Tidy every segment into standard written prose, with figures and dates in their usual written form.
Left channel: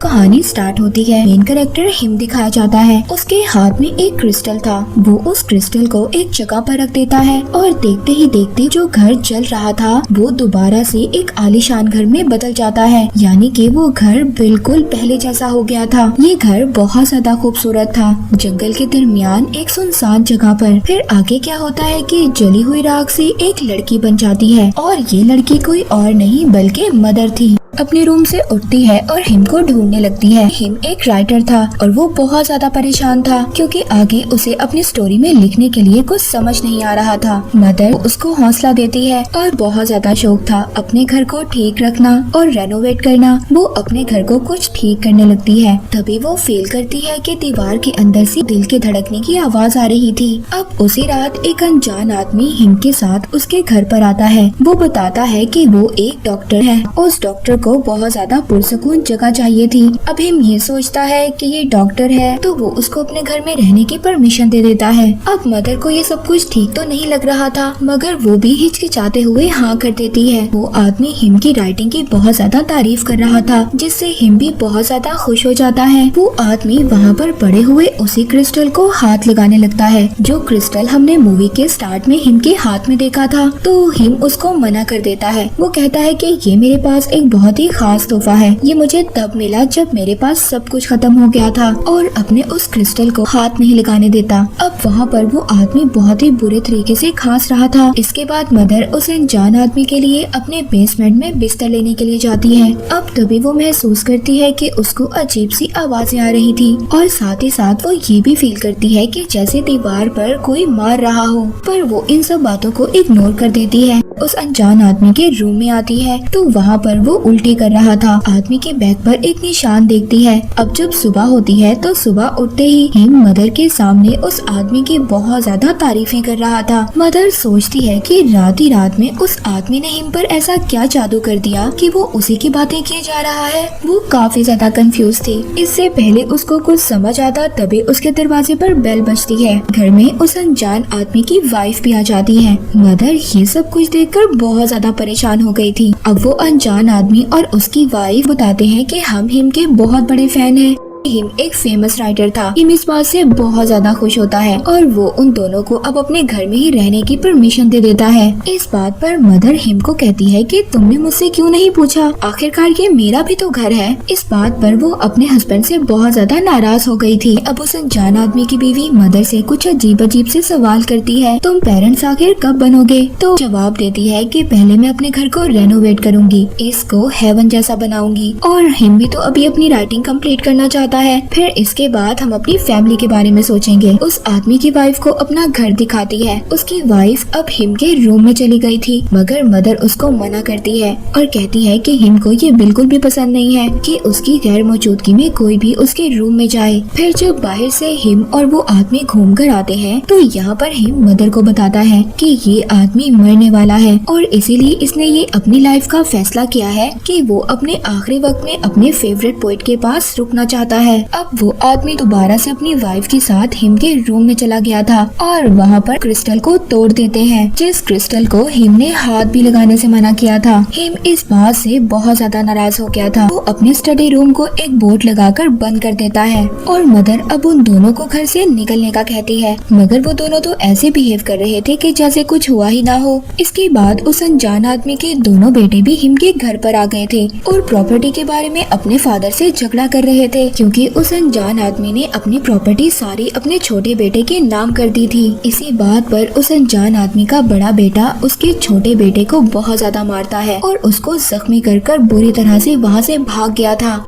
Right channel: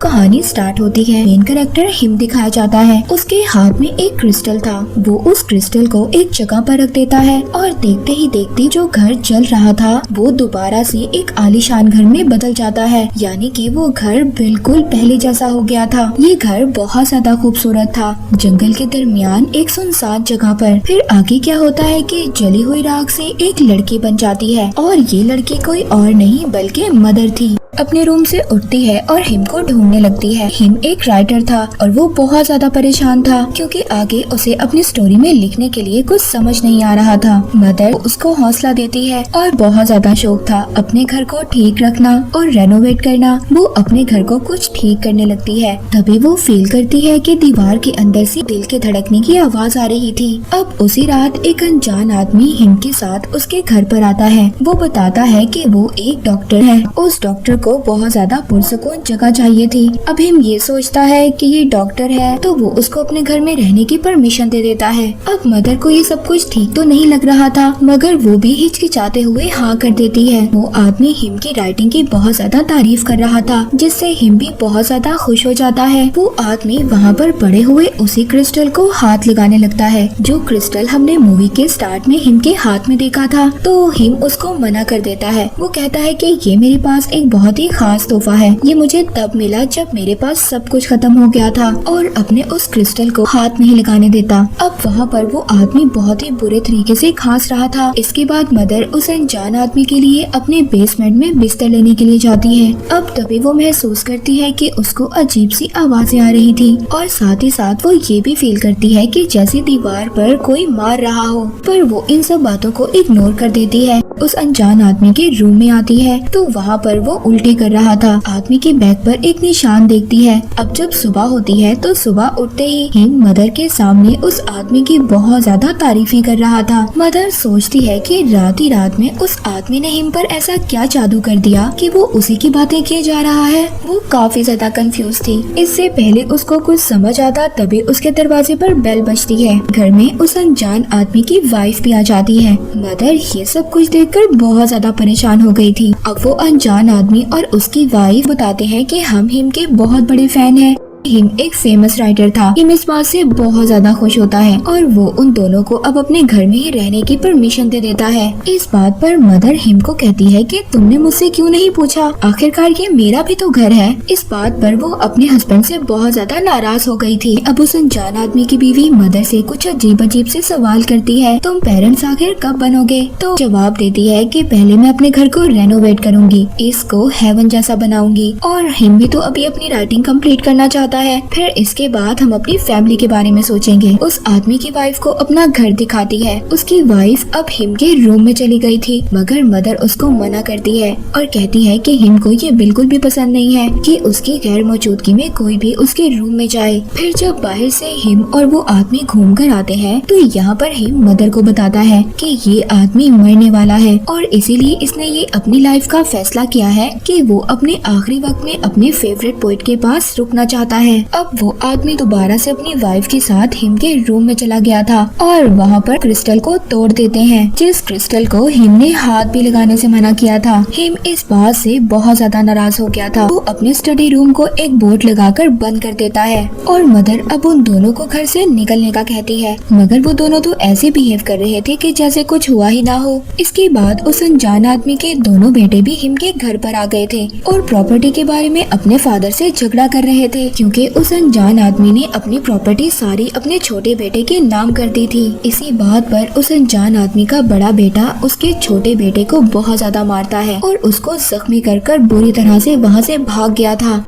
कहानी स्टार्ट होती है। मेन कैरेक्टर हिम दिखाया जाता है। उसके हाथ में एक क्रिस्टल था। वो उस क्रिस्टल को एक जगह पर रख देता है और देखते ही देखते जो घर जल रहा था वो दोबारा से एक आलीशान घर में बदल जाता है। यानी कि वो घर बिल्कुल पहले जैसा हो गया था। ये घर बहुत ज्यादा खूबसूरत था, जंगल के दरमियान एक सुनसान जगह पर। फिर आगे क्या होता है कि जली हुई राख से एक लड़की बन जाती है और ये लड़की कोई और नहीं बल्कि मदर थी। अपने रूम से उठती है और हिम को ढूंढने लगती है। हिम एक राइटर था और वो बहुत ज्यादा परेशान था क्योंकि आगे उसे अपनी स्टोरी में लिखने के लिए कुछ समझ नहीं आ रहा था। मदर उसको हौसला देती है और बहुत ज्यादा शौक था अपने घर को ठीक रखना और रेनोवेट करना। वो अपने घर को कुछ ठीक करने लगती है। तभी वो फील करती है कि दीवार के अंदर से दिल के धड़कने की आवाज आ रही थी। अब उसी रात एक अनजान आदमी हिम के साथ उसके घर पर आता है। वो बताता है कि वो एक डॉक्टर है। उस डॉक्टर को बहुत ज्यादा पुरसकून जगह चाहिए थी। अब हिम ये सोचता है कि ये डॉक्टर है तो वो उसको अपने घर में रहने की परमिशन दे देता है। अब मदर को ये सब कुछ ठीक तो नहीं लग रहा था मगर वो भी हिचकिचाते हुए हाँ कर देती है। वो आदमी हिम की राइटिंग की बहुत ज्यादा तारीफ कर रहा था जिससे हिम भी बहुत ज्यादा खुश हो जाता है। वो आदमी वहाँ पर पड़े हुए उसी क्रिस्टल को हाथ लगाने लगता है जो क्रिस्टल हमने मूवी के स्टार्ट में हिम के हाथ में देखा था। तो हिम उसको मना कर देता है। वो कहता है कि ये मेरे पास एक बहुत ही खास तोहफा है। ये मुझे तब मिला जब मेरे पास सब कुछ खत्म हो गया था और अपने उस क्रिस्टल को हाथ नहीं लगाने देता। अब वहाँ पर वो आदमी बहुत ही बुरे तरीके से खांस रहा था। इसके बाद मदर उस अनजान आदमी के लिए अपने बेसमेंट में बिस्तर लेने के लिए जाती है। अब तभी वो महसूस करती है कि उसको अजीब सी आवाजें आ रही थी और साथ ही साथ वो ये भी फील करती है कि जैसे दीवार पर कोई मार रहा हो। पर वो इन सब बातों को इग्नोर कर देती है। उस अनजान आदमी के रूम में आती है तो वहाँ पर वो उल्टे कर रहा था। आदमी के बैग पर एक निशान देखती है। अब जब सुबह होती है तो सुबह उठते ही हिम मदर के सामने उस आदमी की बहुत ज्यादा तारीफें कर रहा था। मदर सोचती है कि रात ही रात में उस आदमी ने हिम पर ऐसा क्या जादू कर दिया कि वो उसी की बातें किए जा रहा है। वो काफी ज्यादा कंफ्यूज थी। इससे पहले उसको कुछ समझ आता तभी उसके दरवाजे पर बेल बजती है। घर में उस अनजान आदमी की वाइफ भी आ जाती है। मदर ये सब कुछ देखकर बहुत ज्यादा परेशान हो गई थी। अब वो अनजान आदमी और उसकी वाइफ बताते हैं कि हम हिम के बहुत बड़े फैन हैं। हिम एक फेमस राइटर था। हिम इस बात से बहुत ज्यादा खुश होता है और वो उन दोनों को अब अपने घर में ही रहने की परमिशन दे देता है। इस बात पर मदर हिम को कहती है कि तुमने मुझसे क्यों नहीं पूछा, आखिरकार ये मेरा भी तो घर है। इस बात पर वो अपने हस्बैंड से बहुत ज्यादा नाराज हो गई थी। अब उस अनजान आदमी की बीवी मदर से कुछ अजीब अजीब से सवाल करती है, तुम पेरेंट्स आखिर कब बनोगे? तो जवाब देती है कि पहले मैं अपने घर को रेनोवेट करूंगी, इसको हेवन जैसा बनाऊंगी। और हिम भी तो अभी अपनी राइटिंग कंप्लीट करना चाहता है। फिर इसके बाद हम अपनी फैमिली के बारे में सोचेंगे। उस आदमी की वाइफ को अपना घर दिखाती है। उसकी वाइफ अब हिम के रूम में चली गई थी मगर मदर उसको मना करती है और कहती है कि हिम को ये बिल्कुल भी पसंद नहीं है कि उसकी गैर मौजूदगी में कोई भी उसके रूम में जाए। फिर जब बाहर से हिम और वो आदमी घूम कर आते हैं तो यहाँ पर हिम मदर को बताता है कि ये आदमी मरने वाला है और इसीलिए इसने ये अपनी लाइफ का फैसला किया है कि वो अपने आखिरी वक्त में अपने फेवरेट पोएट के पास रुकना चाहता है। अब वो आदमी दोबारा से अपनी वाइफ के साथ हिम के रूम में चला गया था और वहाँ पर क्रिस्टल को तोड़ देते हैं जिस क्रिस्टल को हिम ने हाथ भी लगाने से मना किया था। हिम इस बात से बहुत ज्यादा नाराज हो गया था। वो अपने स्टडी रूम को एक बोर्ड लगाकर बंद कर देता है और मदर अब उन दोनों को घर से निकलने का कहती है मगर वो दोनों तो ऐसे बिहेव कर रहे थे कि जैसे कुछ हुआ ही ना हो। इसके बाद उस अनजान आदमी के दोनों बेटे भी हिम के घर पर आ गए थे और प्रॉपर्टी के बारे में अपने फादर से झगड़ा कर रहे थे क्योंकि उस अनजान आदमी ने अपनी प्रॉपर्टी सारी अपने छोटे बेटे के नाम कर दी थी। इसी बात पर उस अनजान आदमी का बड़ा बेटा उसके छोटे बेटे को बहुत ज्यादा मारता है और उसको जख्मी कर बुरी तरह से वहाँ से भाग गया था।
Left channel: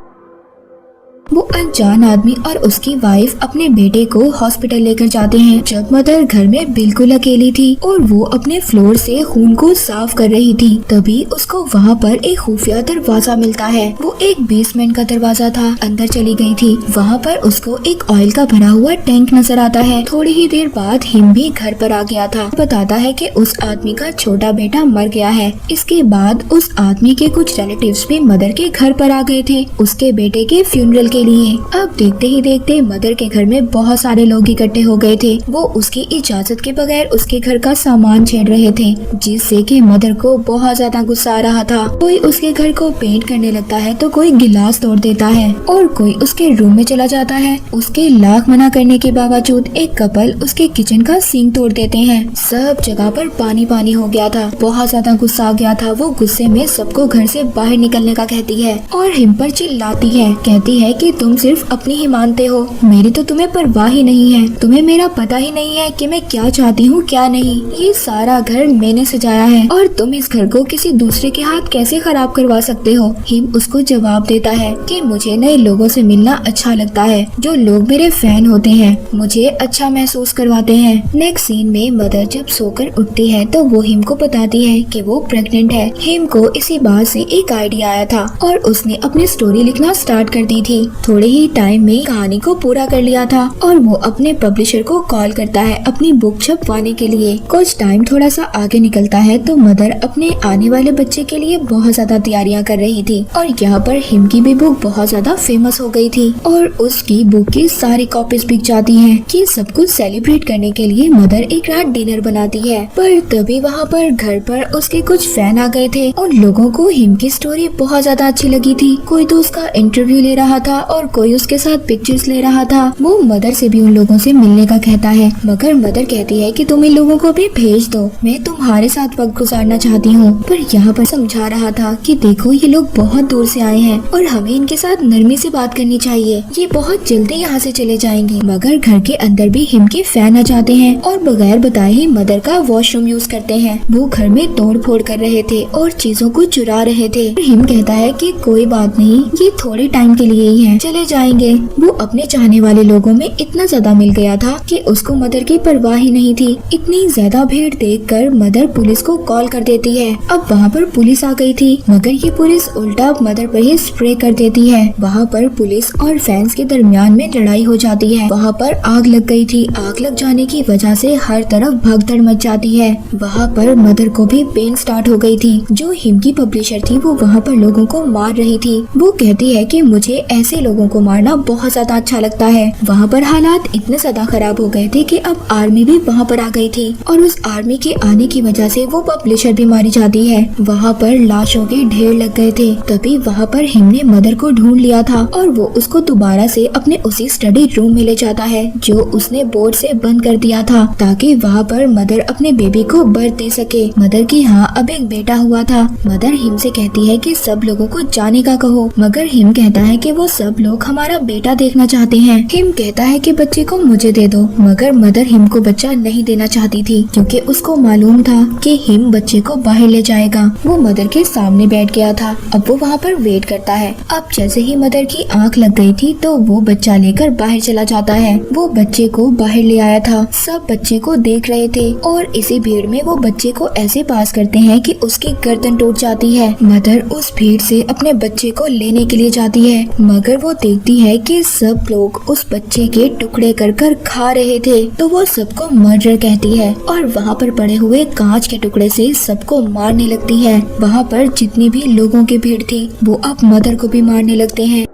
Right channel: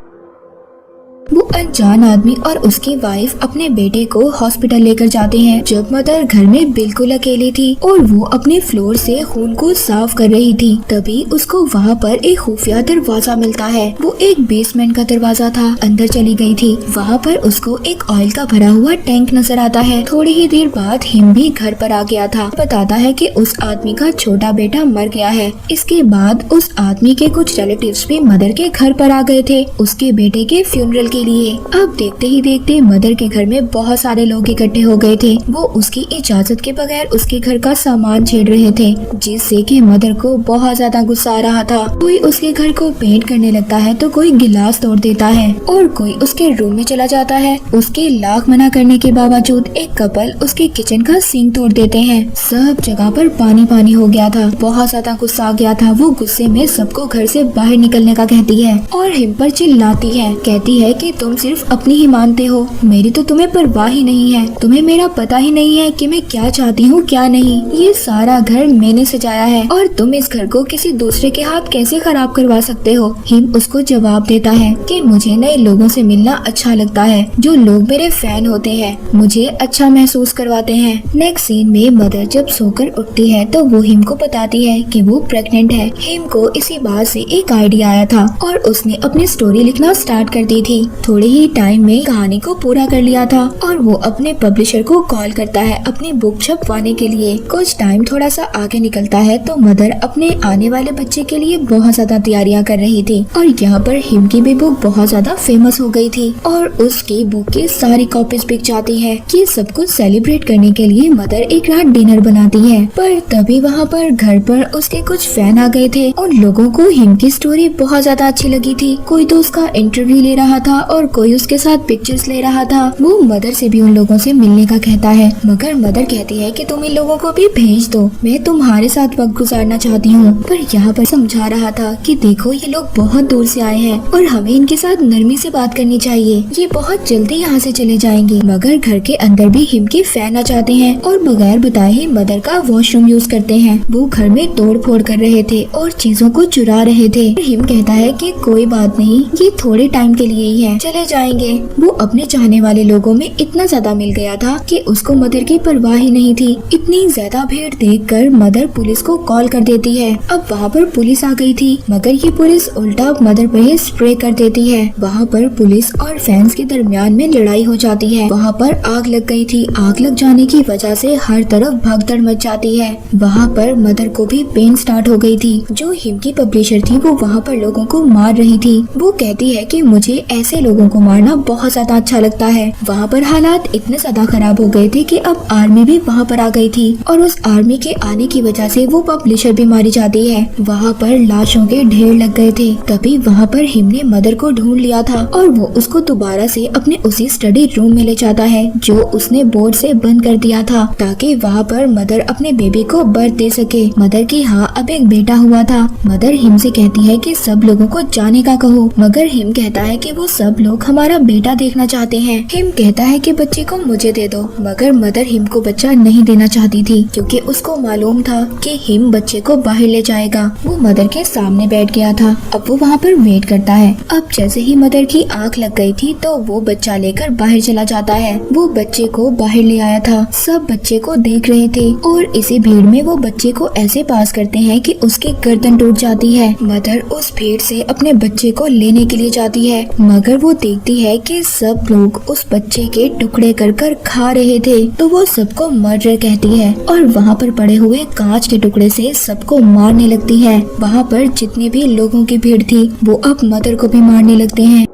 वो अनजान आदमी और उसकी वाइफ अपने बेटे को हॉस्पिटल लेकर जाते हैं जब मदर घर में बिल्कुल अकेली थी और वो अपने फ्लोर से खून को साफ कर रही थी। तभी उसको वहाँ पर एक खुफिया दरवाजा मिलता है। वो एक बेसमेंट का दरवाजा था। अंदर चली गई थी। वहाँ पर उसको एक ऑयल का भरा हुआ टैंक नजर आता है। थोड़ी ही देर बाद हिम भी घर पर आ गया था। बताता है कि उस आदमी का छोटा बेटा मर गया है। इसके बाद उस आदमी के कुछ रिलेटिव्स भी मदर के घर पर आ गए थे उसके बेटे के फ्यूनरल के के लिए। अब देखते ही देखते मदर के घर में बहुत सारे लोग इकट्ठे हो गए थे। वो उसकी इजाजत के बगैर उसके घर का सामान छेड़ रहे थे, जिससे कि मदर को बहुत ज्यादा गुस्सा आ रहा था। कोई उसके घर को पेंट करने लगता है तो कोई गिलास तोड़ देता है और कोई उसके रूम में चला जाता है। उसके लाख मना करने के बावजूद एक कपल उसके किचन का सिंक तोड़ देते हैं। सब जगह पर पानी पानी हो गया था। बहुत ज्यादा गुस्सा आ गया था। वो गुस्से में सबको घर से बाहर निकलने का कहती है और हिम पर चिल्लाती है। कहती है कि तुम सिर्फ अपनी ही मानते हो, मेरी तो तुम्हें परवाह ही नहीं है। तुम्हें मेरा पता ही नहीं है कि मैं क्या चाहती हूँ क्या नहीं। ये सारा घर मैंने सजाया है और तुम इस घर को किसी दूसरे के हाथ कैसे खराब करवा सकते हो। हिम उसको जवाब देता है कि मुझे नए लोगों से मिलना अच्छा लगता है, जो लोग मेरे फैन होते हैं मुझे अच्छा महसूस करवाते हैं। नेक्स्ट सीन में मदर जब सोकर उठती है तो वो हिम को बताती है कि वो प्रेग्नेंट है। हिम को इसी बात से एक आइडिया आया था और उसने अपनी स्टोरी लिखना स्टार्ट कर दी थी। थोड़े ही टाइम में कहानी को पूरा कर लिया था और वो अपने पब्लिशर को कॉल करता है अपनी बुक छपवाने के लिए। कुछ टाइम थोड़ा सा आगे निकलता है तो मदर अपने आने वाले बच्चे के लिए बहुत ज्यादा तैयारियां कर रही थी और यहाँ पर हिम की भी बुक बहुत ज्यादा फेमस हो गई थी और उसकी बुक की सारी कॉपीज बिक जाती हैं। कि सब कुछ सेलिब्रेट करने के लिए मदर एक रात डिनर बनाती है, पर तभी वहाँ पर घर पर उसके कुछ फैन आ गए थे। उन लोगों को हिम की स्टोरी बहुत ज्यादा अच्छी लगी थी। कोई तो उसका इंटरव्यू ले रहा था और कोई उसके साथ पिक्चर्स ले रहा था। वो मदर से भी उन लोगों से मिलने का कहता है, मगर मदर कहती है कि तुम इन लोगों को भी भेज दो, मैं तुम्हारे साथ वक्त गुजारना चाहती हूँ। पर यहाँ पर समझा रहा था कि देखो ये लोग बहुत दूर से आए हैं और हमें इनके साथ नरमी से बात करनी चाहिए, ये बहुत जल्दी यहाँ से चले जाएंगे। मगर घर के अंदर भी हिम के फैन आ जाते हैं और बगैर बताए ही मदर का वॉशरूम यूज करते हैं। वो घर में तोड़ फोड़ कर रहे थे और चीजों को चुरा रहे थे। हिम कहता है कि कोई बात नहीं, ये थोड़े टाइम के लिए ही है, चले जाएंगे। वो अपने चाहने वाले लोगों में इतना ज्यादा मिल गया था कि उसको मदर की परवाह ही नहीं थी। इतनी ज्यादा भीड़ देखकर मदर पुलिस को कॉल कर देती है। अब वहाँ पर पुलिस आ गई थी, मगर ये पुलिस उल्टा मदर पर ही स्प्रे कर देती है। वहाँ पर पुलिस और फैंस के दरमियान में लड़ाई हो जाती है। वहाँ पर आग लग गई थी। आग लग जाने की वजह से हर तरफ भगदड़ मच जाती है। वहाँ पर मदर को भी पेन स्टार्ट हो गई थी। जो हिम की पब्लिशर थी वो वहाँ पर लोगों को मार रही थी। वो कहती है कि मुझे ऐसे लोगों को मारना बहुत ज्यादा अच्छा लगता है। वहाँ पर हालात इतने ज्यादा खराब हो गए थे कि अब आर्मी भी वहाँ पर आ गई थी और उस आर्मी के आने की वजह से वो पब्लिशर भी मारी जाती है। वहाँ पर लाशों के ढेर लग गए थे। तभी वहाँ पर हिम ने मदर को ढूंढ लिया था और वो उसको दोबारा से अपने उसी स्टडी रूम में ले जाता है जो उसने बोर्ड से बंद कर दिया था, ताकि वहाँ पर मदर अपने बेबी को बर्थ दे सके। मदर की हाँ अब एक बेटा हुआ था। मदर हिम से कहती है कि सब लोगों को जाने का कहो, मगर हिम कहता है कि वो सब लोग हमारा बेटा देखना चाहते हैं। हिम कहता है कि बच्चे को मुझे दे दो, मगर मदर हिम को बच्चा नहीं देना चाहती थी क्योंकि उसको मालूम था कि हिम बच्चे को बाहर ले जाएगा। वो मदर के सामने बैठ गया था। अब वो वहाँ पर वेट करता है। अब जैसे ही मदर की आंख लग गई थी तो वो बच्चा लेकर बाहर चला जाता है। वो बच्चे को बाहर ले आया था। सब बच्चे को देख रहे थे और इसी भीड़ में वो बच्चे को ऐसे पास करते हैं कि उसकी गर्दन टूट जाती है। मदर उस भीड़ से अपने बच्चे को लेने के लिए जाती है, मगर वो देखती है कि सब लोग उस बच्चे के टुकड़े कर कर खा रहे थे, तो वो सबको मर्डर कहती है और वहाँ पर पड़े हुए कांच के टुकड़े से सबको मारने लगती है। वहाँ पर जितनी भी लोगों की भीड़ थी वो अब मदर को भी मारने लगते हैं।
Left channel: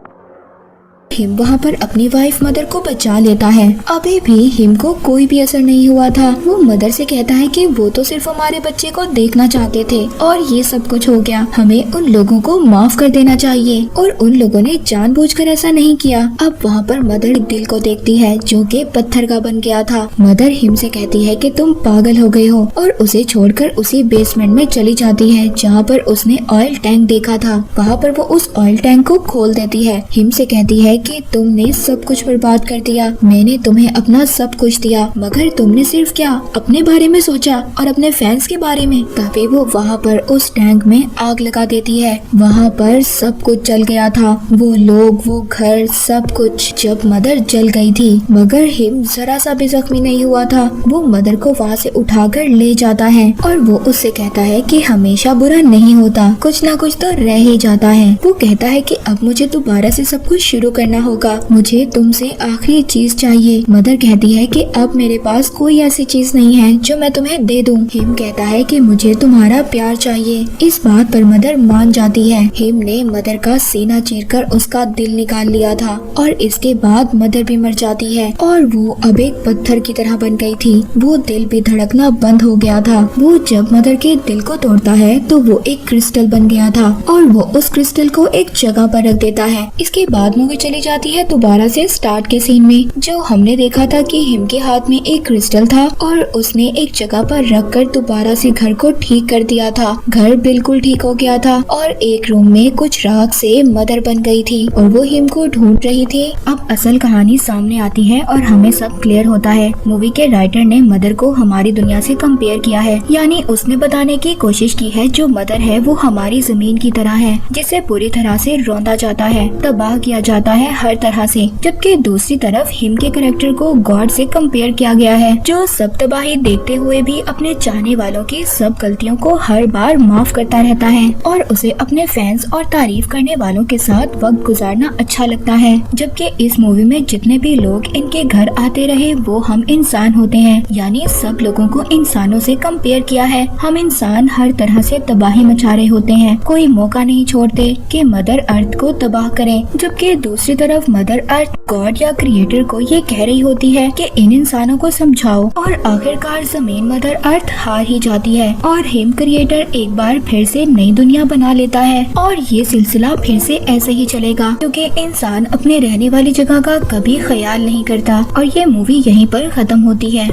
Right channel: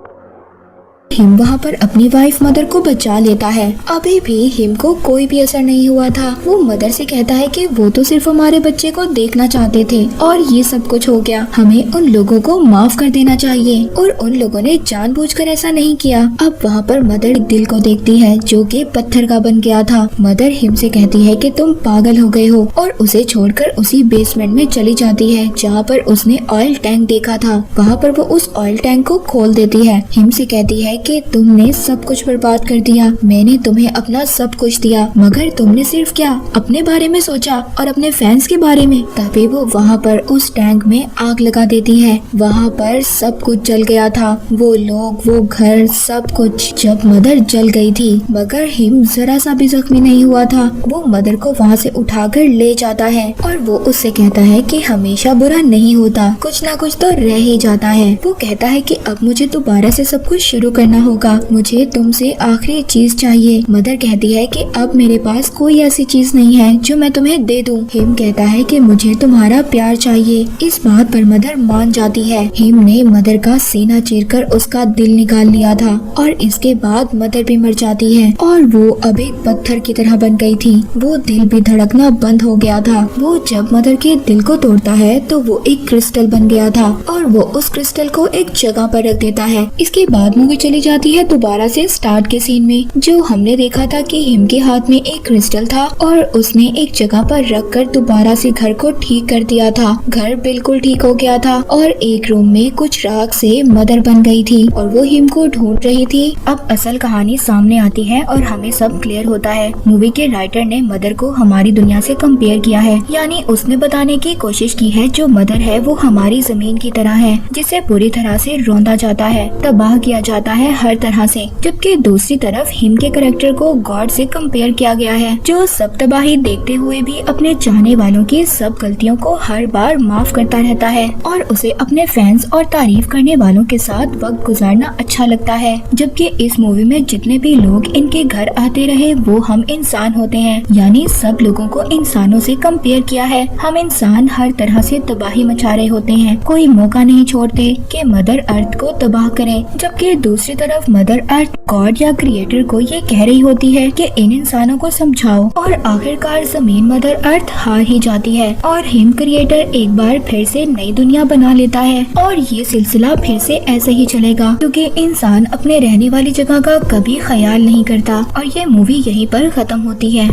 हिम वहाँ पर अपनी वाइफ मदर को बचा लेता है। अभी भी हिम को कोई भी असर नहीं हुआ था। वो मदर से कहता है कि वो तो सिर्फ हमारे बच्चे को देखना चाहते थे और ये सब कुछ हो गया, हमें उन लोगों को माफ कर देना चाहिए और उन लोगों ने जानबूझकर ऐसा नहीं किया। अब वहाँ पर मदर दिल को देखती है जो कि पत्थर का बन गया था। मदर हिम से कहती है कि तुम पागल हो गए हो और उसे छोड़कर उसी बेसमेंट में चली जाती है जहाँ पर उसने ऑयल टैंक देखा था। वहाँ पर वो उस ऑयल टैंक को खोल देती है। हिम से कहती है कि तुमने सब कुछ बर्बाद कर दिया, मैंने तुम्हें अपना सब कुछ दिया, मगर तुमने सिर्फ क्या अपने बारे में सोचा और अपने फैंस के बारे में। तभी वो वहाँ पर उस टैंक में आग लगा देती है। वहाँ पर सब कुछ जल गया था, वो लोग, वो घर, सब कुछ। जब मदर जल गई थी मगर हिम जरा सा भी जख्मी नहीं हुआ था। वो मदर को वहाँ से उठाकर ले जाता है और वो उससे कहता है कि हमेशा बुरा नहीं होता, कुछ ना कुछ तो रह ही जाता है। वो कहता है कि अब मुझे दोबारा से सब कुछ शुरू करना करना होगा, मुझे तुमसे आखिरी चीज चाहिए। मदर कहती है कि अब मेरे पास कोई ऐसी चीज नहीं है जो मैं तुम्हें दे दूं। हिम कहता है कि मुझे तुम्हारा प्यार चाहिए। इस बात पर मदर मान जाती है। हिम ने मदर का सीना चीरकर उसका दिल निकाल लिया था और इसके बाद मदर भी मर जाती है और वो अब एक पत्थर की तरह बन गई थी। वो दिल भी धड़कना बंद हो गया था। वो जब मदर के दिल को तोड़ता है तो वो एक क्रिस्टल बन गया था और वो उस क्रिस्टल को एक जगह पर रख देता है। इसके बाद मूवी चली जाती है दोबारा से स्टार्ट के सीन में, जो हमने देखा था कि हिम के हाथ में एक क्रिस्टल था और उसने एक जगह पर रख कर दोबारा से घर को ठीक कर दिया था। घर बिल्कुल ठीक हो गया था और एक रूम में कुछ राख से मदर बन गई थी और वो हिम को ढूंढ रही थी। अब असल कहानी सामने आती है और हमें सब क्लियर होता है। मूवी के राइटर ने मदर को हमारी दुनिया से कंपेयर किया है, यानी उसने बताने की कोशिश की है जो मदर है वो हमारी जमीन की तरह है, जिसे पूरी तरह से रौंदा जाता है, तबाह किया जाता है हर तरह से। जबकि दूसरी तरफ हिम के कैरेक्टर को गॉड से कंपेयर किया गया है, जो सब तबाही देखते हुए भी अपने चाहने वालों की सब गलतियों को हर बार माफ करता रहता है और उसे अपने फैंस और तारीफ करने वालों के साथ वक्त गुजारना अच्छा लगता है। जबकि इस मूवी में जितने भी लोग इनके घर आते रहे वो हम इंसान होते हैं, यानी सब लोगों को इंसानों से कंपेयर किया है। हम इंसान हर तरह से तबाही मचा रहे होते हैं, कोई मौका नहीं छोड़ते कि मदर अर्थ को तबाह करें। जबकि दूसरी तरफ मदर अर्थ गॉड या क्रिएटर को ये कह रही होती है कि इन इंसानों को समझाओ और आखिरकार जमीन मदर अर्थ हार ही जाती है और हिम क्रिएटर एक बार फिर से नई दुनिया बना लेता है और ये सिलसिला फिर से ऐसे ही चलेगा, क्योंकि इंसान अपने रहने वाली जगह का कभी ख्याल नहीं करता और ये मूवी यहीं पर खत्म होती है।